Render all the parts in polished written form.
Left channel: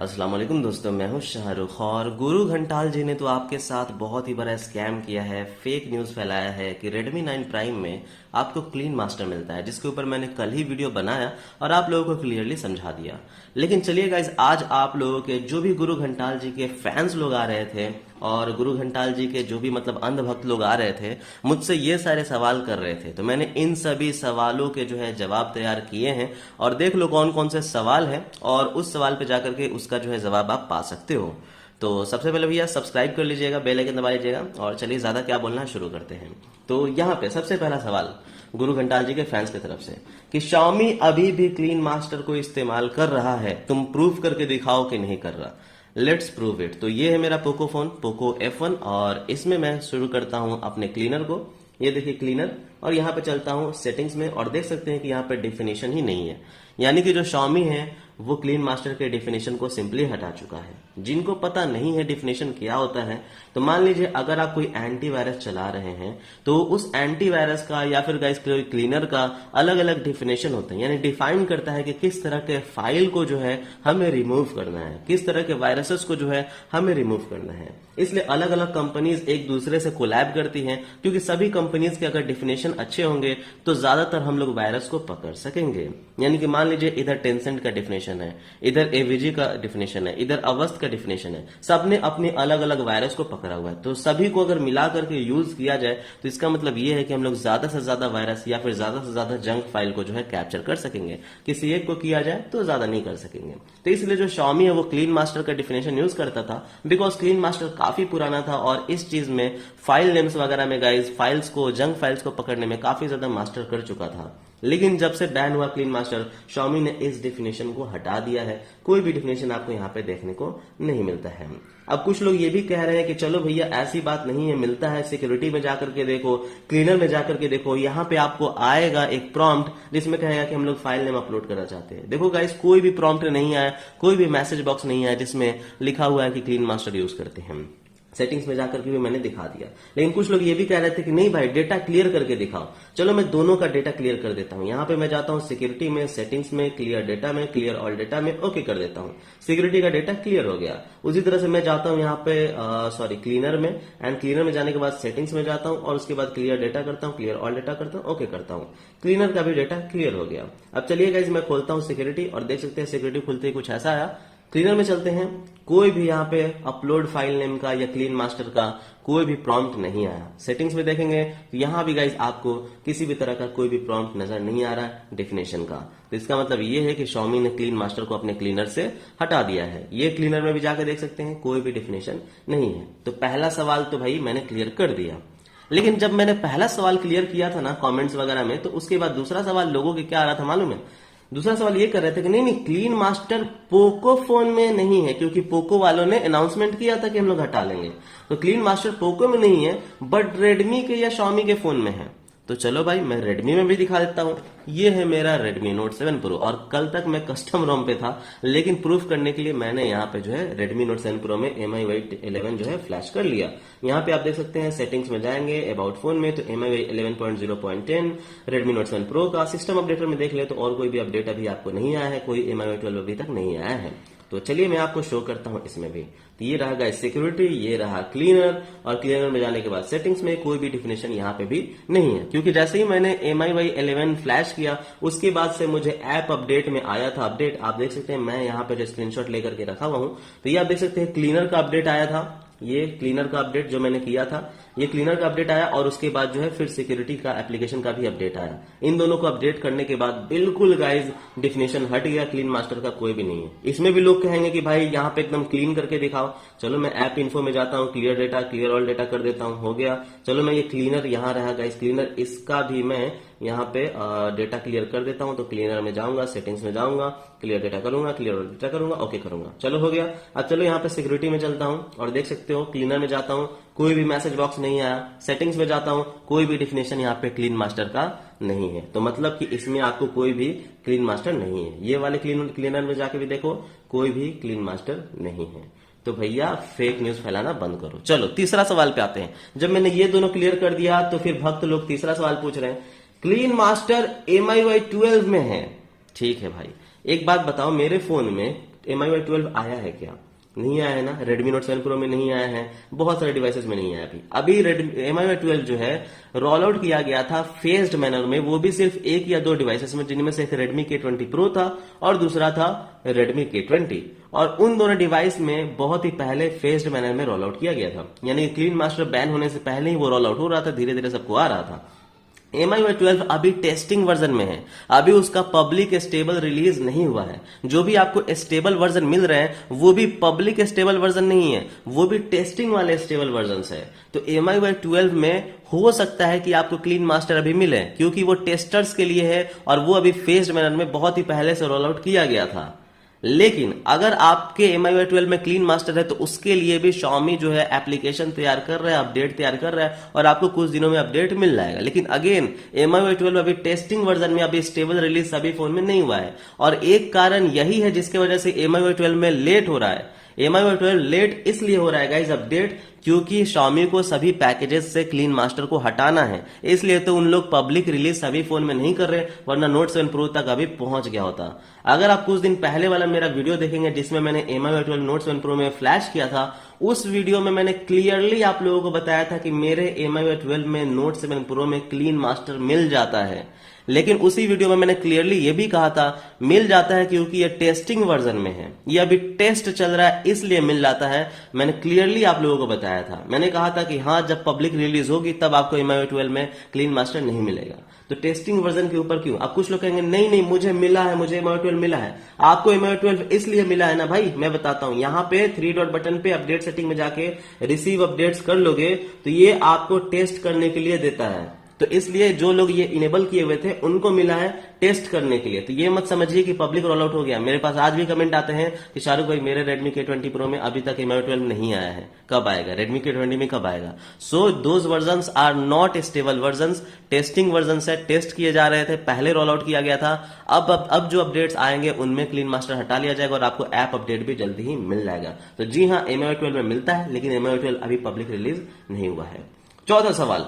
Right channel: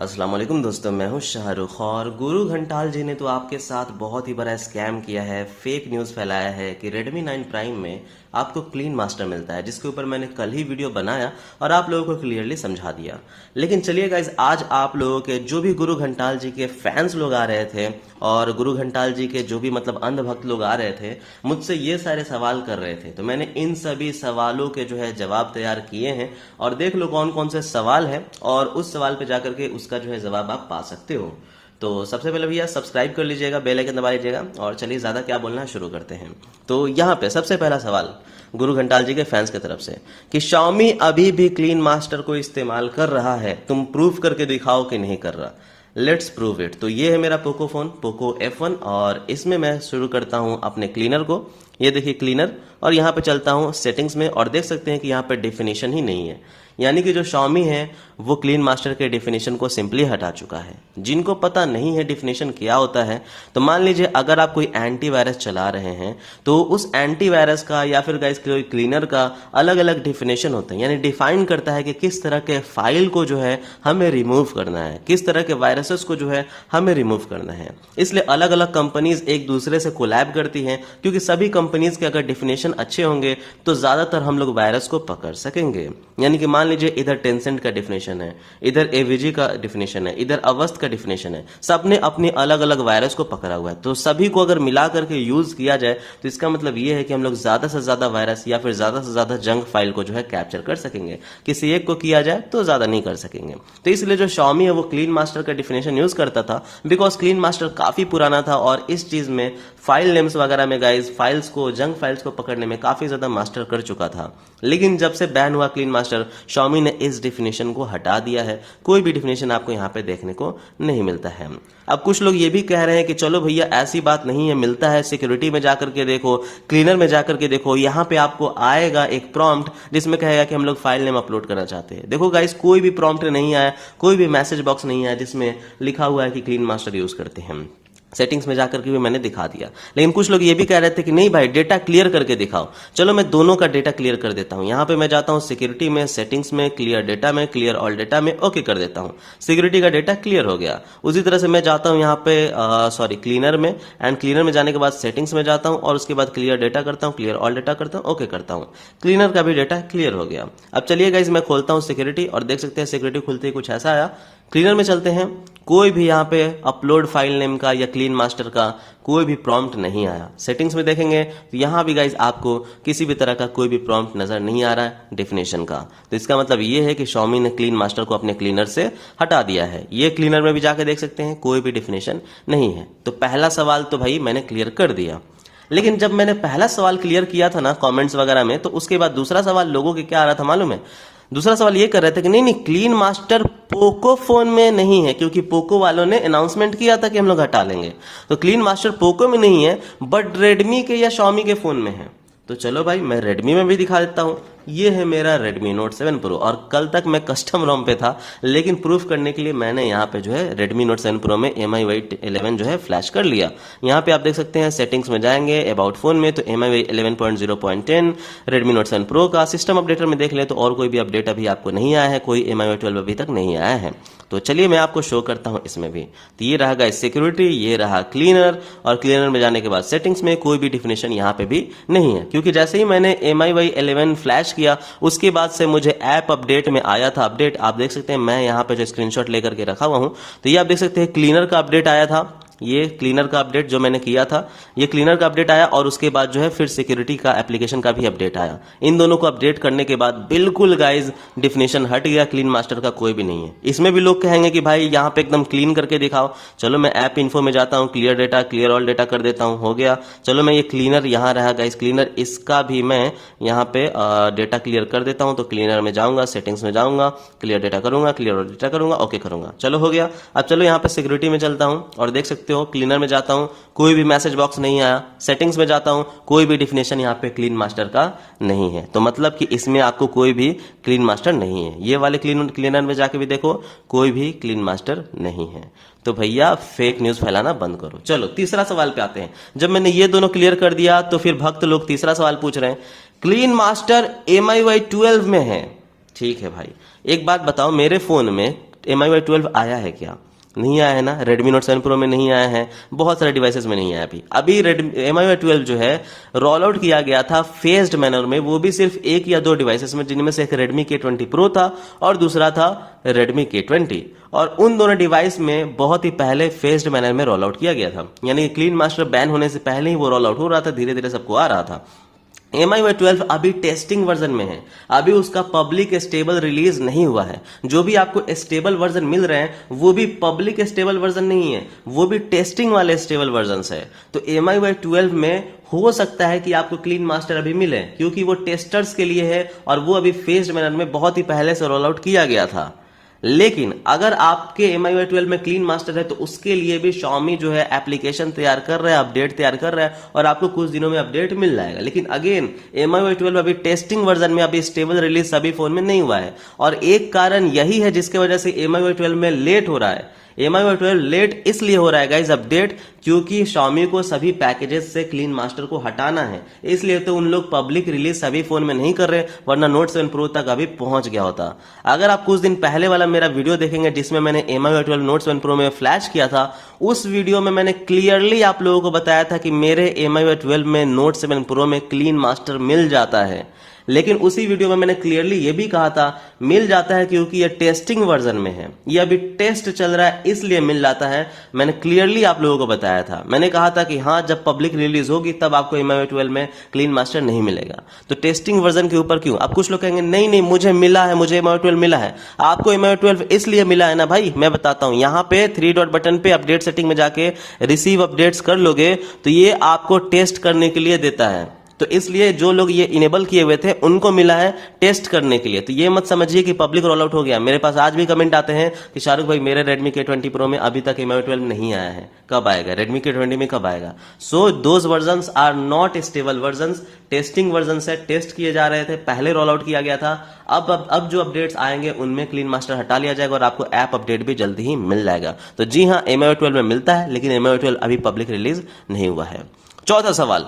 अस्सलाम वालेकुम दोस्तों, मैं हूं शाहरुख। और गुरु घंटाल जी ने तो आपके साथ बहुत ही बड़ा स्कैम किया है, फेक न्यूज़ फैलाया है कि Redmi 9 प्राइम में आपको क्लीन मास्टर मिलता है, जिसके ऊपर मैंने कल ही वीडियो बनाया और आप लोगों को क्लियरली समझा दिया। लेकिन चलिए गाइज, आज आप लोगों के जो भी गुरु घंटाल जी के फैंस लोग आ रहे थे और गुरु घंटाल जी के जो भी मतलब अंधभक्त लोग आ रहे थे, मुझसे ये सारे सवाल कर रहे थे, तो मैंने इन सभी सवालों के जो है जवाब तैयार किए हैं। और देख लो कौन कौन से सवाल हैं और उस सवाल पे जाकर के उसका जो है जवाब आप पा सकते हो। तो सबसे पहले भैया सब्सक्राइब कर लीजिएगा, बेल आइकन दबा लीजिएगा और चलिए ज़्यादा क्या बोलना शुरू करते हैं। तो यहाँ पे सबसे पहला सवाल गुरु घंटाल जी के फैंस की तरफ से कि Xiaomi अभी भी क्लीन मास्टर को इस्तेमाल कर रहा है, तुम प्रूव करके दिखाओ कि नहीं कर रहा। Let's prove it. तो ये है मेरा पोको फोन, पोको F1, और इसमें मैं शुरू करता हूँ अपने क्लीनर को। ये देखिए क्लीनर, और यहाँ पे चलता हूँ सेटिंग्स में और देख सकते हैं कि यहाँ पे डेफिनेशन ही नहीं है, यानी कि जो Xiaomi है वो क्लीन मास्टर के डेफिनेशन को सिंपली हटा चुका है। जिनको पता नहीं है डेफिनेशन क्या होता है, तो मान लीजिए अगर आप कोई एंटीवायरस चला रहे हैं तो उस एंटीवायरस का या फिर गाइस कोई क्लीनर का अलग अलग डेफिनेशन होता है, यानी डिफाइन करता है कि किस तरह के फाइल को जो है हमें रिमूव करना है, किस तरह के वायरसेस को जो है हमें रिमूव करना है। इसलिए अलग अलग कंपनीज एक दूसरे से कोलैब करती हैं, क्योंकि सभी कंपनीज के अगर डेफिनेशन अच्छे होंगे तो ज्यादातर हम लोग वायरस को पकड़ सकेंगे। यानी कि मान लीजिए इधर टेंसेंट का डेफिनेशन है, इधर एवीजी का डेफिनेशन है, इधर अवस्थ का डेफिनेशन है, सबने अपनी अलग अलग वायरस को पकड़ा हुआ है। तो सभी को अगर मिला करके यूज किया जाए तो इसका मतलब ये है कि हम लोग ज्यादा से ज्यादा वायरस या फिर ज्यादा से ज्यादा जंक फाइल को जो है कैप्चर कर सकेंगे। किसी एक को किया जाए तो ज्यादा नहीं कर सकेंगे। तो इसलिए जो Xiaomi है वो क्लीन मास्टर का डेफिनेशन यूज करता था, बिकॉज क्लीन मास्टर काफी पुराना था और इस चीज में फाइल नेम्स वगैरह में गाइज फाइल्स को, जंक फाइल्स को पकड़ने में काफी ज्यादा मास्टर कर चुका था। लेकिन जब से बैन हुआ क्लीन मास्टर, Xiaomi ने इस डेफिनेशन को हटा दिया है। कोई भी डेफिनेशन आपको यहाँ पे देखने को नहीं मिलता है। अब कुछ लोग ये भी कह रहे हैं कि चलो भैया ऐसी बात नहीं है, मिलता है, सिक्योरिटी में जाकर के देखो, क्लीनर में जाकर के देखो, यहाँ पे आपको आएगा एक प्रॉम्प्ट जिसमें कहेगा कि हम लोग फाइल नेम अपलोड करना चाहते हैं। देखो गाइस, कोई भी प्रॉम्प्ट नहीं आया, कोई भी मैसेज बॉक्स नहीं आया जिसमें लिखा हुआ है कि क्लीन मास्टर यूज करते हैं। सेटिंग्स में जाकर के भी मैंने दिखा दिया। लेकिन कुछ लोग ये भी कह रहे थे कि नहीं भाई डेटा क्लियर करके दिखाओ। चलो मैं दोनों का डेटा क्लियर कर देता हूं। यहां पे मैं जाता हूं सिक्योरिटी में, सेटिंग्स में, क्लियर डेटा में, क्लियर ऑल डेटा में, ओके कर देता हूं। सिक्योरिटी का डेटा क्लियर हो गया। उसी तरह से मैं जाता हूं यहाँ पे क्लीनर में, एंड क्लीनर में जाने के बाद सेटिंग्स में जाता हूं और उसके बाद क्लियर डेटा करता हूं, क्लियर ऑल डेटा करता हूं, ओके करता हूं। क्लीनर का भी डेटा क्लियर हो गया। अब चलिए गाइस, मैं खोलता हूं सिक्योरिटी और देख सकते हैं सिक्योरिटी खुलते ही कुछ ऐसा आया। क्लीनर में चलते हैं, कोई भी यहाँ पे अपलोड फाइल नेम का या क्लीन मास्टर का कोई भी प्रॉम्प्ट नहीं आया। सेटिंग्स में देखेंगे तो यहाँ भी गाइज आपको किसी भी तरह का कोई भी प्रॉम्प्ट नजर नहीं आ रहा है डेफिनेशन का। तो इसका मतलब ये है कि Xiaomi ने क्लीन मास्टर को अपने क्लीनर से हटा दिया है। ये क्लीनर में भी जाकर देख सकते हैं, कोई भी डेफिनेशन नहीं है। तो पहला सवाल तो भाई मैंने क्लियर कर दिया। लेकिन जब मैंने पहला सवाल क्लियर किया था ना कमेंट्स वगैरह में, तो उसके बाद दूसरा सवाल लोगों के क्या आ रहा था मालूम है? दूसरा सवाल ये कर रहे थे कि नहीं नहीं, क्लीन मास्टर पोको फोन में नहीं है, क्योंकि पोको वालों ने अनाउंसमेंट किया था कि हम लोग हटा लेंगे। तो क्लीन मास्टर पोको में नहीं है, बट रेडमी के या Xiaomi के फोन में है। तो चलो भाई मैं रेडमी में भी दिखा देता हूँ। ये है मेरा Redmi Note 7 Pro, और कल तक मैं कस्टम रोम पे था, लेकिन प्रूफ करने के लिए मैंने यहाँ पे जो है Redmi Note 7 Pro में MIUI 11 जो है फ्लैश कर लिया। यहाँ पे आप देख सकते हैं सेटिंग्स में जाएंगे, अबाउट फोन में, तो MIUI 11.0.10 Redmi Note 7 Pro का। सिस्टम अपडेटर में देख ले तो और कोई भी अपडेट अभी आपको नहीं आया है, कोई MIUI 12 अभी तक नहीं आया है। तो चलिए मैं आपको शो करता हूं इसमें भी। तो ये रहा गाइस सिक्योरिटी, ये रहा क्लीनर, और क्लीनर में जाने के बाद सेटिंग्स में कोई भी डेफिनेशन यहाँ पे भी नहीं है, क्योंकि जैसे ही मैंने MIUI 11 फ्लैश किया उसके बाद से मुझे ऐप अपडेट में आया था अपडेट। आप देख सकते हैं मैं यहाँ पे जो स्क्रीनशॉट लेकर के रखा हुआ हूँ, तो ये आप देख सकते हैं क्लीनर का अपडेट आया था। ये क्लीनर का अपडेट जो मैंने किया था, ये क्लीनर का अपडेट आया, और उसके बाद जो है फिर सिक्योरिटी का एप्लीकेशन का भी अपडेट आया। इन दोनों को अपडेट करने के बाद बिल्कुल गाइज डेफिनेशन हट गया, क्लीन मास्टर का कोई भी नहीं है। इसमें भी लोग कहेंगे कि भाई यहाँ पे एकदम क्लीन करके दिखाओ। चलो मैं ऐप इन्फो में जाता हूँ, clear data, clear all data कर देता हूँ, हो गया। चलो मैं ये क्लीनर यहाँ रहा गाइज क्लीनर, इसका भी मैं यहाँ पे डेटा क्लियर कर देता हूँ। तो क्लीनर में जाऊंगा, सेटिंग्स में जाऊंगा, क्लियर डेटा करूंगा, क्लियर ऑल डेटा करूंगा, ओके करूंगा, चलो हो गया। अब चलो यहाँ पे सिक्योरिटी में चलता हूँ और देख सकते हो क्लीनर में जाता हूं, कोई भी मैसेज बॉक्स नहीं आया। सेटिंग्स में जाता हूं, कोई भी डेफिनेशन यहाँ पे क्लीन मास्टर का नहीं है। तो मतलब कि इसमें आपको कोई भी क्लीन मास्टर नहीं है। ये वाले क्लीनर में जाके भी देखो, कोई भी क्लीन मास्टर नहीं है। तो भैया फेक न्यूज फैलाना बंद करो। चलो तीसरा सवाल पे आते हैं। जब मैंने ये दोनों क्लियर कर दिया तो फिर भक्त लोग तीसरा सवाल पूछ रहे हैं, क्लीन मास्टर MIUI 12 में है। ठीक है भाई, एक बात बताओ, मेरे फोन में MIUI 12 आया है क्या? नहीं आया है ना। Redmi Note 7 Pro में नहीं आया है, बहुत सारे डिवाइसेस में नहीं आया अभी MIUI 12 जो है रोल आउट किया गया था फेज्ड मैनर में, वो भी सिर्फ एक या दो डिवाइसेस में, जिनमें से एक Redmi K20 Pro था और दूसरा था Redmi K20, और उन दोनों डिवाइस में बहुत ही पहले फेज्ड मैनर में रोल आउट किया गया था, यानी क्लीन मास्टर बैन होने से पहले ही वो रोल आउट हो रहा था, धीरे धीरे सबको आ रहा था। MIUI 12 अभी टेस्टिंग वर्जन में है, अभी उसका पब्लिक स्टेबल रिलीज नहीं हुआ है। जो भी आपको स्टेबल वर्जन मिल रहे हैं वो भी पब्लिक स्टेबल वर्जन नहीं है, वो भी टेस्टिंग वाले स्टेबल वर्जन है। तो MIUI 12 में हो सकता है कि आपको क्लीन मास्टर अभी मिले, क्योंकि वो टेस्टर्स के लिए है और वो अभी फेज्ड मैनर में बहुत ही पहले से रोल आउट किया गया था। लेकिन अगर आपके MIUI 12 में क्लीन मास्टर है तो उसके लिए भी Xiaomi जो है एप्लीकेशन तैयार कर रहा है, अपडेट तैयार कर रहा है, और आपको कुछ दिनों में अपडेट मिल जाएगा। लेकिन अगेन MIUI 12 अभी टेस्टिंग वर्जन में, अभी स्टेबल रिलीज सभी फोन में नहीं हुआ है, और एक कारण यही है जिसकी वजह से MIUI 12 में लेट हो रहा है। MIUI 12 लेट इसलिए हो रहा है गाइस अपडेट, क्योंकि Xiaomi को सभी पैकेजेस से क्लीन मास्टर को हटाना है, इसलिए तो उन लोग पब्लिक रिलीज सभी फोन में नहीं कर रहे, वरना Note 7 Pro तक अभी पहुंच गया होता। अगर आप कुछ दिन पहले वाला मेरा वीडियो देखेंगे जिसमें मैंने MIUI 12 Note 7 Pro में फ्लैश किया था, उस वीडियो में मैंने क्लियरली आप लोगों को बताया था कि मेरे MIUI 12 में Note 7 Pro में क्लीन मास्टर मिल जाता है। लेकिन उसी वीडियो में मैंने क्लियरली ये भी कहा था मिल जाता है क्योंकि ये टेस्टिंग वर्जन में है, ये अभी टेस्ट चल रहा है इसलिए मिल जाता है। मैंने क्लियरली आप लोगों को बताया था, मैंने कहा था कि हाँ जब पब्लिक रिलीज होगी तब आपको MIUI 12 में क्लीन मास्टर नहीं मिलेगा। तो टेस्टिंग वर्जन के ऊपर क्यों? अब कुछ लोग कहेंगे नहीं नहीं मुझे मिला है, मुझे MIUI 12 मिला है। आपको MIUI 12 इसलिए मिला है ना भाई, मैं बताता हूं। यहाँ पे 3 डॉट बटन पे अपडेट सेटिंग में जाके रिसीव अपडेट्स कर लोगे तो ये आपको टेस्ट करने के लिए देता है। तो इसलिए जो लोग ये इनेबल किए हुए थे उनको मिला है टेस्ट करने के लिए। तो ये मत समझिए कि पब्लिक रोल आउट हो गया। मेरे पास आज भी कमेंट आते हैं कि शाहरुख भाई मेरे Redmi K20 Pro में अभी तक MIUI 12 नहीं आया है, कब आएगा? Redmi K20 में कब आएगा? So those versions are not stable versions, testing version है, टेस्ट किए जा रहे थे, पहले रोल आउट किया गया था। अब जो अपडेट्स आएंगे उनमें क्लीन मास्टर हटा लिया जाएगा और आपको ऐप अपडेट भी जल्दी ही मिल जाएगा। तो जी हाँ MIUI 12 में मिलता है, लेकिन MIUI 12 अभी पब्लिक रिलीज नहीं हुआ है। चौथा सवाल,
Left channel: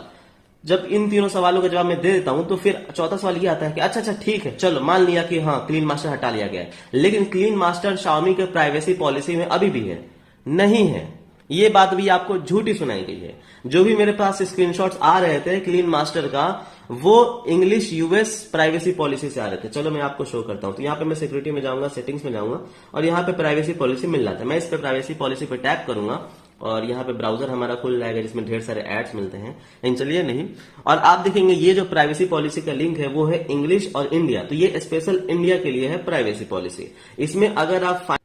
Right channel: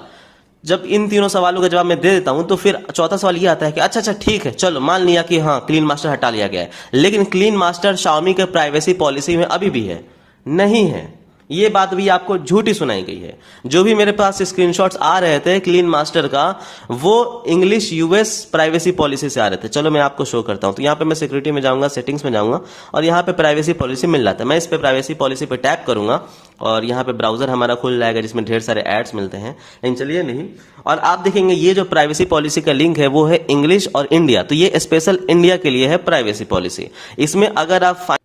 जब इन तीनों सवालों का जवाब मैं दे देता हूं तो फिर चौथा सवाल ये आता है कि अच्छा ठीक है, चलो मान लिया कि हाँ क्लीन मास्टर हटा लिया गया है, लेकिन क्लीन मास्टर Xiaomi के प्राइवेसी पॉलिसी में अभी भी है? नहीं है, ये बात भी आपको झूठी सुनाई गई है। जो भी मेरे पास स्क्रीनशॉट्स आ रहे थे क्लीन मास्टर का, वो इंग्लिश US प्राइवेसी पॉलिसी से आ रहे थे। चलो मैं आपको शो करता हूं। तो यहाँ पे मैं सिक्योरिटी में जाऊंगा, सेटिंग्स में जाऊंगा, और यहाँ पे प्राइवेसी पॉलिसी मिल जाता है। मैं इस पे प्राइवेसी पॉलिसी पे टैप करूंगा और यहाँ पे ब्राउजर हमारा खुल जाएगा जिसमें ढेर सारे एड्स मिलते हैं। इन चलिए नहीं, और आप देखेंगे ये जो प्राइवेसी पॉलिसी का लिंक है वो है इंग्लिश और इंडिया। तो ये स्पेशल इंडिया के लिए है प्राइवेसी पॉलिसी। इसमें अगर आप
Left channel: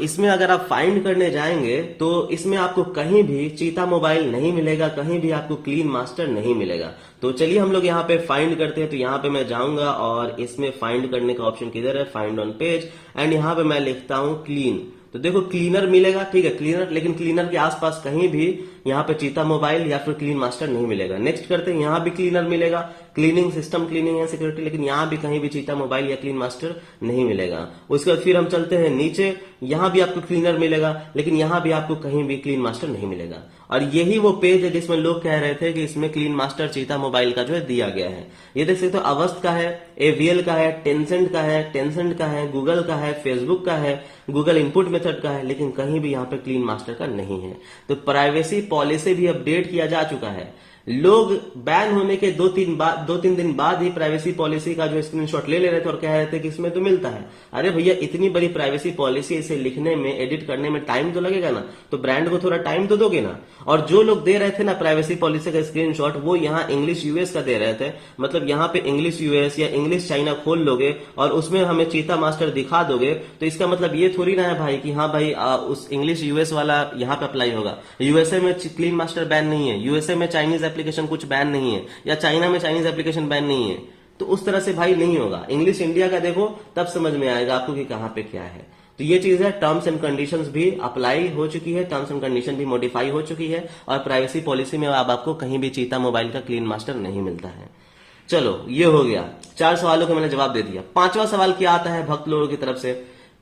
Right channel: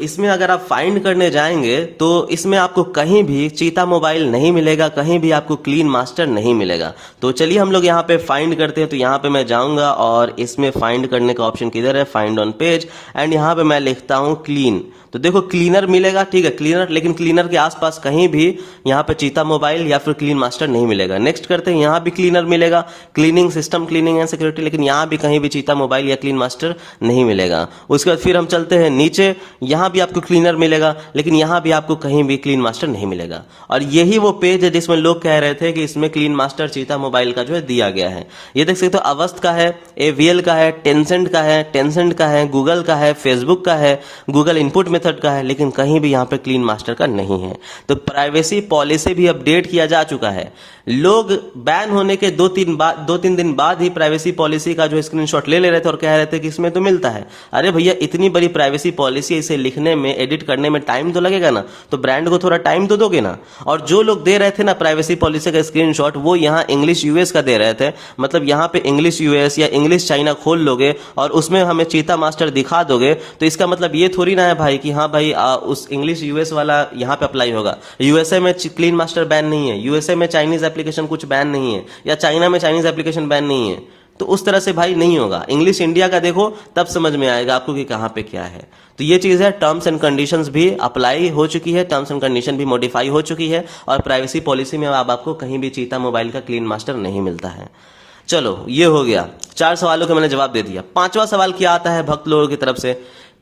इसमें अगर आप फाइंड करने जाएंगे तो इसमें आपको कहीं भी चीता मोबाइल नहीं मिलेगा, कहीं भी आपको क्लीन मास्टर नहीं मिलेगा। तो चलिए हम लोग यहाँ पे फाइंड करते हैं। तो यहाँ पे मैं जाऊंगा और इसमें फाइंड करने का ऑप्शन किधर है? फाइंड ऑन पेज, एंड यहाँ पे मैं लिखता हूं क्लीन। तो देखो क्लीनर मिलेगा, ठीक है क्लीनर, लेकिन क्लीनर के आसपास कहीं भी यहाँ पे चीता मोबाइल या फिर क्लीन मास्टर नहीं मिलेगा। नेक्स्ट करते हैं, यहाँ भी क्लीनर मिलेगा, cleaning system, cleaning and security, लेकिन यहाँ भी कहीं भी चीता मोबाइल या क्लीन मास्टर नहीं मिलेगा। उसके बाद फिर हम चलते हैं नीचे, यहाँ भी आपको क्लीनर मिलेगा, लेकिन यहाँ भी आपको कहीं भी क्लीन मास्टर नहीं मिलेगा। और यही वो पेज है जिसमें लोग कह रहे थे कि इसमें क्लीन मास्टर चीता मोबाइल का जो है दिया गया है। ये देख सकते हो अवस्थ का है, AVL का है, टेंसेंट का है, गूगल का है, फेसबुक का है, गूगल इनपुट मेथड का है, लेकिन कहीं भी यहाँ पे क्लीन मास्टर का नहीं है। तो प्राइवेसी पॉलिसी भी अपडेट किया जा चुका है। लोग बैन होने के 2-3 दिन बाद ही प्राइवेसी पॉलिसी का जो स्क्रीनशॉट ले रहे थे और कह रहे थे कि इसमें तो मिलता है। अरे भैया इतनी बड़ी प्राइवेसी पॉलिसी, इसे लिखने में, एडिट करने में टाइम तो लगेगा ना, तो ब्रांड को थोड़ा टाइम तो दोगे ना। और जो लोग दे रहे थे ना प्राइवेसी पॉलिसी का स्क्रीनशॉट, वो यहाँ इंग्लिश US का दे रहे थे। मतलब यहाँ पे इंग्लिश US या इंग्लिश चाइना खोल लोगे और उसमें हमें चीता मास्टर दिखा दोगे, तो इसका मतलब ये थोड़ी ना है भाई कि हाँ भाई उस इंग्लिश US वाला यहाँ पे अप्लाई होगा। USA में क्लीन मास्टर बैन नहीं है, USA में चाइनीज एप्लीकेशन कुछ बैन नहीं है, या चाइना में चाइनीज एप्लीकेशन बैन नहीं है। तो उस तरह से भाई नहीं होगा। इंग्लिश इंडिया का देखो तब समझ में आएगा आपको कि कहां पे क्या है। तो ये चीज है, टर्म्स एंड कंडीशंस भी अप्लाई हो चुकी है, टर्म्स एंड कंडीशन भी मॉडिफाई हो चुकी है, और प्राइवेसी पॉलिसी में अब आपको कहीं भी चीता मोबाइल का क्लीन मास्टर नहीं मिलता है। चलो ये हो गया, 4 सवालों का मैंने जवाब दे दिया। 5वां सवाल क्या आता है भक्त लोगों की तरफ से?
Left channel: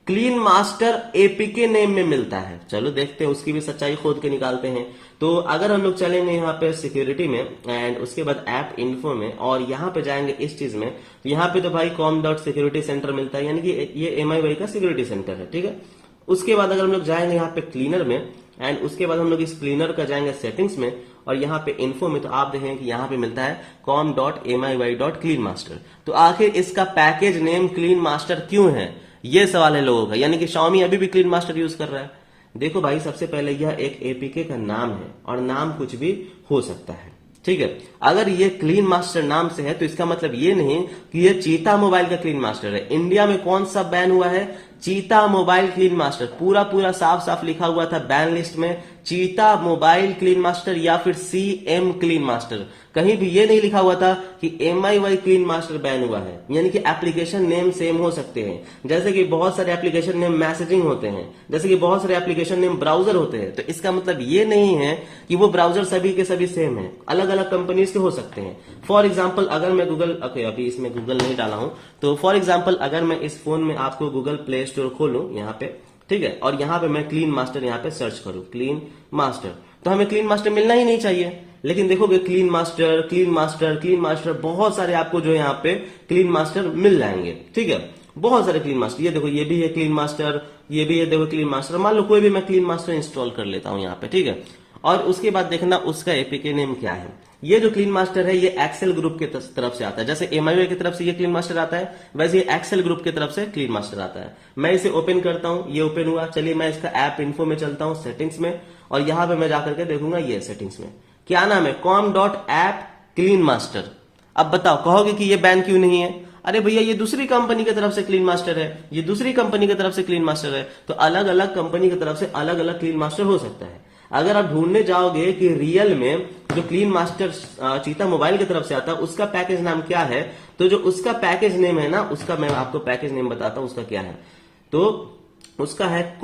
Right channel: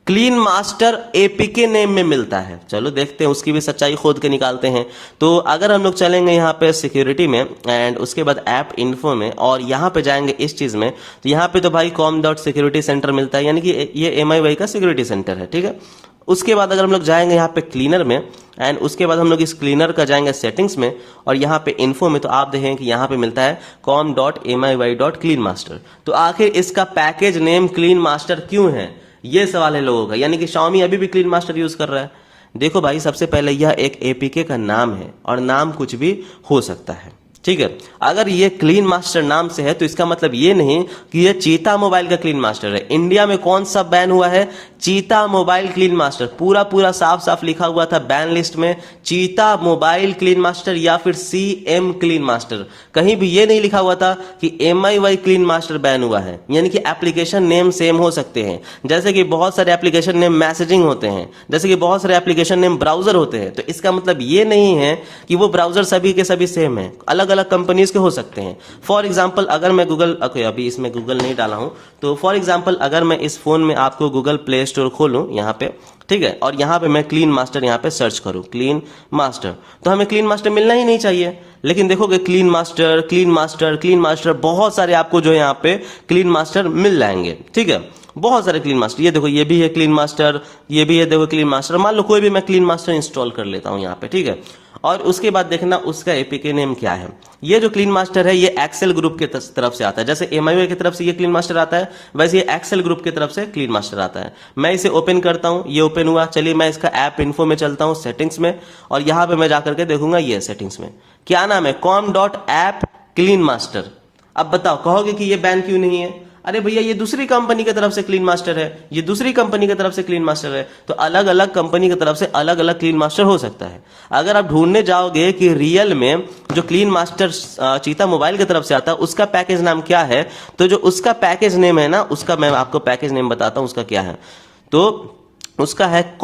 क्लीन मास्टर एपीके नेम में मिलता है। चलो देखते हैं, उसकी भी सच्चाई खोद के निकालते हैं। तो अगर हम लोग चलेंगे यहाँ पे सिक्योरिटी में एंड उसके बाद ऐप इन्फो में और यहाँ पे जाएंगे इस चीज में, तो यहाँ पे तो भाई com.security center मिलता है, यानी कि ये MIY का सिक्योरिटी सेंटर है, ठीक है। उसके बाद अगर हम लोग जाएंगे यहाँ पे क्लीनर में एंड उसके बाद हम लोग इस क्लीनर का जाएंगे सेटिंग्स में और यहाँ पे इन्फो में, तो आप देखेंगे कि यहाँ पे मिलता है com.miy.cleanmaster। तो आखिर इसका पैकेज नेम क्लीन मास्टर क्यों है, ये सवाल है लोगों का, यानी कि Xiaomi अभी भी क्लीन मास्टर यूज कर रहा है। देखो भाई, सबसे पहले यह एक एपीके का नाम है और नाम कुछ भी हो सकता है, ठीक है। अगर ये क्लीन मास्टर नाम से है तो इसका मतलब ये नहीं कि ये चीता मोबाइल का क्लीन मास्टर है। इंडिया में कौन सा बैन हुआ है, चीता मोबाइल क्लीन मास्टर, पूरा पूरा साफ साफ लिखा हुआ था बैन लिस्ट में, चीता मोबाइल क्लीन मास्टर या फिर CM क्लीन मास्टर। कहीं भी ये नहीं लिखा हुआ था कि MIY क्लीन मास्टर बैन हुआ है। यानी कि एप्लीकेशन नेम सेम हो सकते हैं, जैसे कि बहुत सारे एप्लीकेशन नेम मैसेजिंग होते हैं, जैसे कि बहुत सारे एप्लीकेशन नेम ब्राउजर होते हैं। तो इसका मतलब ये नहीं है कि वो ब्राउजर सभी के सभी सेम है, अलग अलग कंपनीज के हो सकते हैं। फॉर एग्जाम्पल अगर मैं गूगल, अभी इसमें गूगल नहीं डाला हूं, तो फॉर एग्जाम्पल अगर मैं इस फोन में आपको गूगल प्ले स्टोर खोलूं यहाँ पे, ठीक है, और यहाँ पे मैं क्लीन मास्टर यहाँ पे सर्च करूं क्लीन मास्टर, तो हमें क्लीन मास्टर मिलना ही नहीं चाहिए। लेकिन देखोगे clean master clean master clean master, बहुत सारे आपको जो है यहाँ पे क्लीन मास्टर मिल जाएंगे, ठीक है, बहुत सारे क्लीन मास्टर। ये देखो, ये भी है क्लीन मास्टर, ये भी है, देखो क्लीन मास्टर। मान लो कोई भी मैं क्लीन मास्टर इंस्टॉल कर लेता हूं यहाँ पे, ठीक है, और उसके बाद देखना उसका एपीके नेम क्या है। ये जो क्लीन मास्टर है ये एक्सेल ग्रुप की तरफ से आता है, जैसे MIY की तरफ से ये क्लीन मास्टर आता है, वैसे ये एक्सेल ग्रुप की तरफ से क्लीन मास्टर आता है। मैं इसे ओपन करता हूं, ये ओपन हुआ। चलिए मैं इसका ऐप इन्फो में चलता हूं, सेटिंग्स में, और यहां पे मैं जाकर के देखूंगा ये सेटिंग्स में क्या नाम है, com.app क्लीन मास्टर। अब बताओ, कहोगे कि ये बैन क्यों नहीं है? अरे भैया, ये दूसरी कंपनी की तरफ से क्लीन मास्टर है, ये दूसरी कंपनी की तरफ से क्लीन मास्टर है, तो अलग अलग कंपनी की तरफ से अलग अलग क्लीन मास्टर हो सकता है। अगर आप ढूंढने जाओगे कि रियल में जो क्लीन मास्टर चीता मोबाइल की तरफ से आता है उसका पैकेज नाम क्या है, तो जो उसका पैकेज नेम है ना, उसका मैं आपको पैकेज नेम बताता हूं उसका क्या है। तो उसका है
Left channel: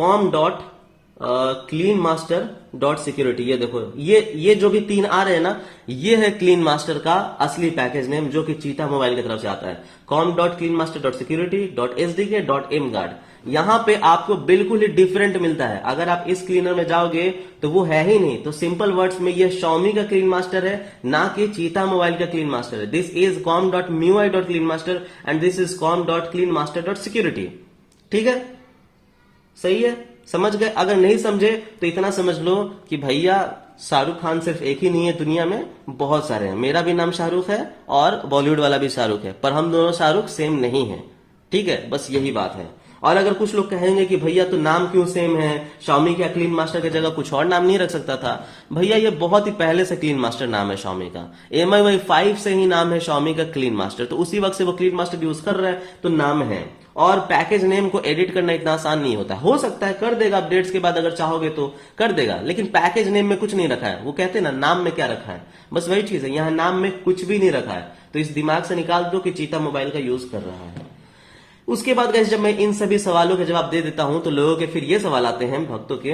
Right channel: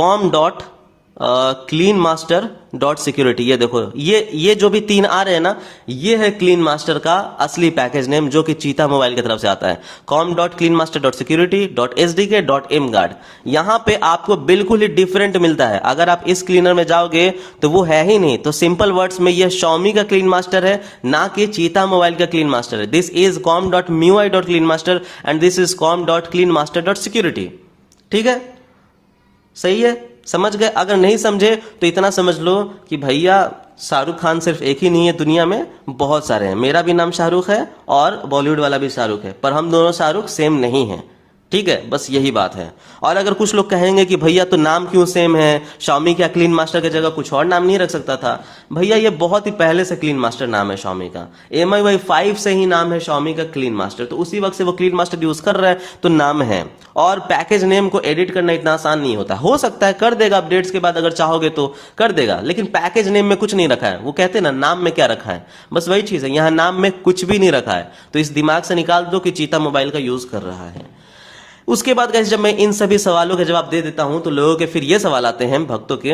क्लीन मास्टर डॉट सिक्योरिटी। ये देखो, ये जो भी 3 आ रहे हैं ना, ये है क्लीन मास्टर का असली पैकेज नेम जो कि चीता मोबाइल की तरफ से आता है, com.cleanmaster.security.sdk.mguard। यहां पे आपको बिल्कुल ही डिफरेंट मिलता है। अगर आप इस क्लीनर में जाओगे तो वो है ही नहीं, तो सिंपल वर्ड्स में ये Xiaomi का क्लीन मास्टर है, ना कि चीता मोबाइल का क्लीन मास्टर है। This is com.miui.cleanmaster and this is com.cleanmaster.security। ठीक है, सही है, समझ गए? अगर नहीं समझे तो इतना समझ लो कि भैया शाहरुख खान सिर्फ एक ही नहीं है दुनिया में, बहुत सारे हैं। मेरा भी नाम शाहरुख है और बॉलीवुड वाला भी शाहरुख है, पर हम दोनों शाहरुख सेम नहीं हैं, ठीक है, बस यही बात है। और अगर कुछ लोग कहेंगे कि भैया तो नाम क्यों सेम है, Xiaomi क्या क्लीन मास्टर की जगह कुछ और नाम नहीं रख सकता था? भैया ये बहुत ही पहले से क्लीन मास्टर नाम है Xiaomi का, MIY 5 से ही नाम है Xiaomi का क्लीन मास्टर, तो उसी वक्त से वो क्लीन मास्टर यूज कर रहा है, तो नाम है। और पैकेज नेम को एडिट करना इतना आसान नहीं होता, हो सकता है कर देगा अपडेट्स के बाद, अगर चाहोगे तो कर देगा, लेकिन पैकेज नेम में कुछ नहीं रखा है। वो कहते हैं ना, नाम में क्या रखा है, बस वही चीज है, यहाँ नाम में कुछ भी नहीं रखा है। तो इस दिमाग से निकाल दो कि चीता मोबाइल का यूज कर रहा है। उसके बाद गाइस, जब मैं इन सभी सवालों के जवाब दे देता हूं तो लोगों के फिर ये सवाल आते हैं भक्तों के,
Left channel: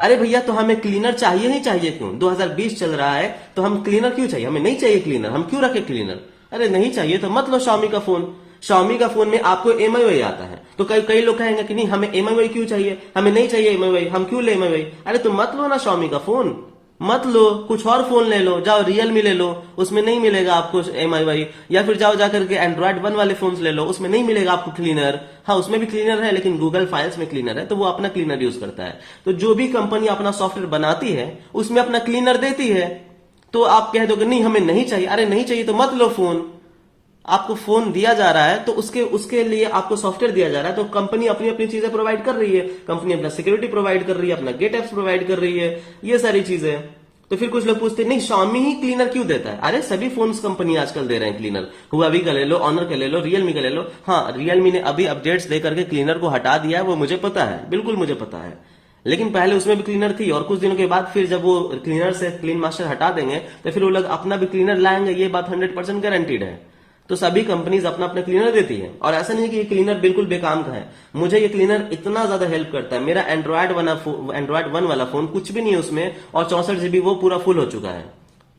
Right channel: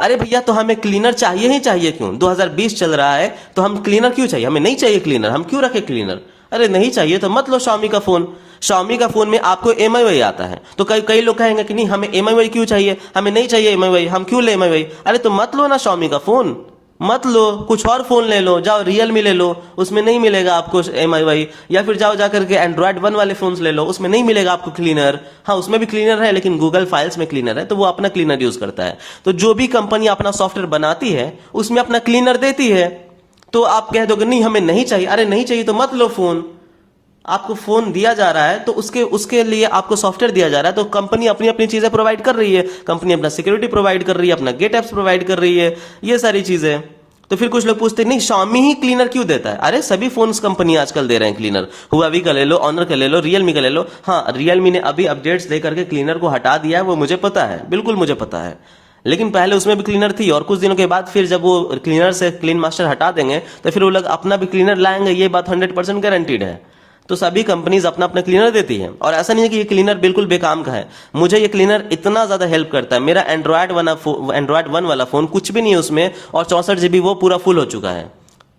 अरे भैया तो हमें क्लीनर चाहिए ही चाहिए क्यों, 2020 चल रहा है तो हम क्लीनर क्यों चाहिए, हमें नहीं चाहिए क्लीनर, हम क्यों रखे क्लीनर? अरे नहीं चाहिए तो मत लो Xiaomi का फोन। Xiaomi का फोन में आपको MIY आता है, तो कई लोग कहेंगे कि नहीं हमें MIY क्यों चाहिए, हमें नहीं चाहिए MIY, हम क्यों ले MIY? अरे तो मत लो ना Xiaomi का फोन, मत लो, कुछ और फोन ले लो, जाओ Realme ले लो, उसमें नहीं मिलेगा आपको MIY, या फिर जाओ जाकर के Android 1 वाले फोन्स ले लो, उसमें नहीं मिलेगा आपको क्लीनर। हाँ, उसमें भी क्लीनर है, लेकिन गूगल फाइल्स में क्लीनर है, तो वो अपना क्लीनर यूज करता है। तो जो भी कंपनी अपना सॉफ्टवेयर बनाती है उसमें अपना क्लीनर देती है, तो आप कह दोगे नहीं हमें नहीं चाहिए। अरे नहीं चाहिए तो मत लो फोन, आपको फोन दिया जा रहा है तो उसके लिए आपको सॉफ्टवेयर दिया जा रहा है, तो कंपनी अपनी अपनी चीजें प्रोवाइड कर रही है, कंपनी अपना सिक्योरिटी प्रोवाइड कर रही है, अपना गेट एप्स प्रोवाइड कर रही है, ये सारी चीजें। तो फिर कुछ लोग पूछते हैं नहीं Xiaomi ही क्लीनर क्यों देता है? अरे सभी फोन्स कंपनी आजकल दे रहे हैं क्लीनर, Huawei का ले लो, Honor का ले लो, Realme का ले लो। हाँ, Realme ने अभी अपडेट्स लेकर के क्लीनर को हटा दिया है, वो मुझे पता है, बिल्कुल मुझे पता है, लेकिन पहले उसमें भी क्लीनर थी, और कुछ दिनों के बाद फिर जब वो क्लीनर से क्लीन मास्टर हटा देंगे तो फिर वो लोग अपना भी क्लीनर लाएंगे, ये बात 100% गारंटीड है। तो सभी कंपनीज अपना अपना क्लीनर देती है, और ऐसा नहीं है कि ये क्लीनर बिल्कुल बेकाम का है। मुझे ये क्लीनर इतना ज्यादा हेल्प करता है, मेरा एंड्रॉयड 1 वाला फोन कुछ भी नहीं है उसमें, और 64 GB वो पूरा फुल हो चुका है।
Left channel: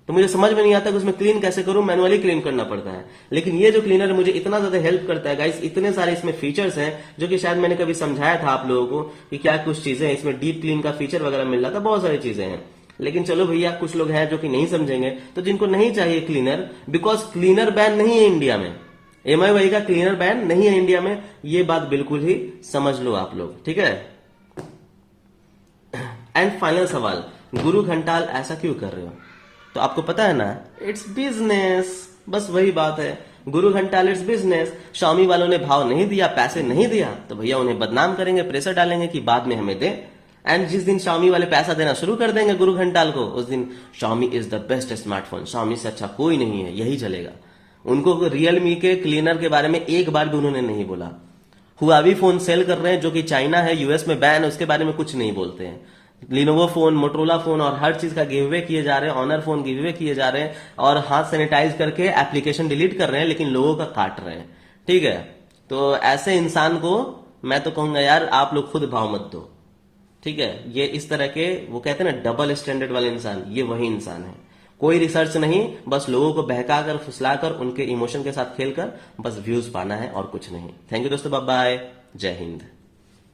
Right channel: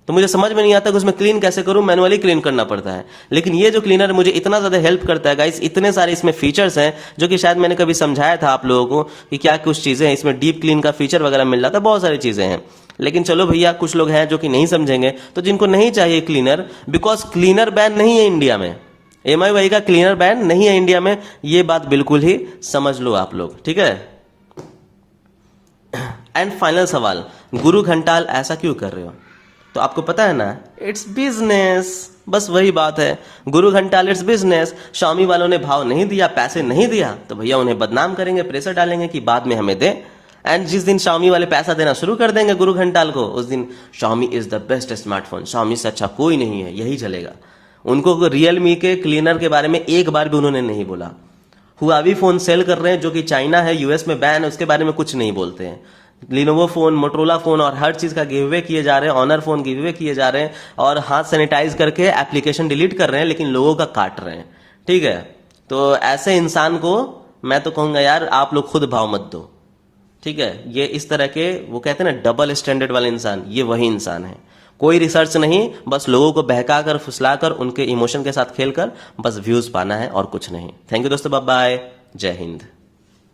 तो मुझे समझ में नहीं आता कि उसमें क्लीन कैसे करूं, मैनुअली क्लीन करना पड़ता है। लेकिन ये जो क्लीनर मुझे इतना ज्यादा हेल्प करता है गाइस, इतने सारे इसमें फीचर्स हैं जो कि शायद मैंने कभी समझाया था आप लोगों को कि क्या कुछ चीजें हैं इसमें। डीप क्लीन का फीचर वगैरह मिल रहा था, बहुत सारी चीजें हैं। लेकिन चलो भैया, कुछ लोग हैं जो कि नहीं समझेंगे, तो जिनको नहीं चाहिए क्लीनर, बिकॉज क्लीनर बैन नहीं है इंडिया में, एमआई भाई का क्लीनर बैन नहीं है इंडिया में, ये बात बिल्कुल ही समझ लो आप लोग, ठीक है। एंड फाइनल सवाल, गुरु घंटाल ऐसा क्यों कर रहे हो? तो आपको पता है ना, इट्स बिजनेस, बस वही बात है। गुरु घंटाल इट्स बिजनेस। Xiaomi वालों ने भाव नहीं दिया, पैसे नहीं दिया, तो भैया उन्हें बदनाम करेंगे, प्रेशर डालेंगे कि बाद में हमें दे। एंड जिस दिन Xiaomi वाले पैसा देना शुरू कर देंगे गुरु घंटाल को, उस दिन Xiaomi is the best smartphone, Xiaomi से अच्छा कोई नहीं है, यही चलेगा। उनको रियलमी के क्लीनर के बारे में एक बार भी उन्होंने नहीं बोला। हुआवी फोन सेल कर रहे हैं जो कि चाइना है, यूएस में बैन है, उसके बारे में कुछ नहीं बोलते हैं। लिनोवो फोन, मोटरोला फोन और हर चीज का गिव अवे किए जा रहे हैं, ऑनर फोन गिव अवे किए जा रहे हैं और हाथ सैनिटाइज करके एप्लीकेशन डिलीट कर रहे हैं, लेकिन लोगों का काट रहे हैं, ठीक है। तो ऐसे इंसान को मैं तो कहूंगा यार, आप लोग खुद भाव मत दो, ठीक है। ये इस तरह के, वो कहते हैं ना डबल स्टैंडर्ड वाले इंसान, ये वही इंसान है। कोई रिसर्च नहीं, बस लोगों को बहकाकर, फुसलाकर, उनके इमोशन के साथ खेलकर बस व्यूज पाना है और कुछ नहीं। थैंक यू दोस्तों, बाय बाय, जय हिंद।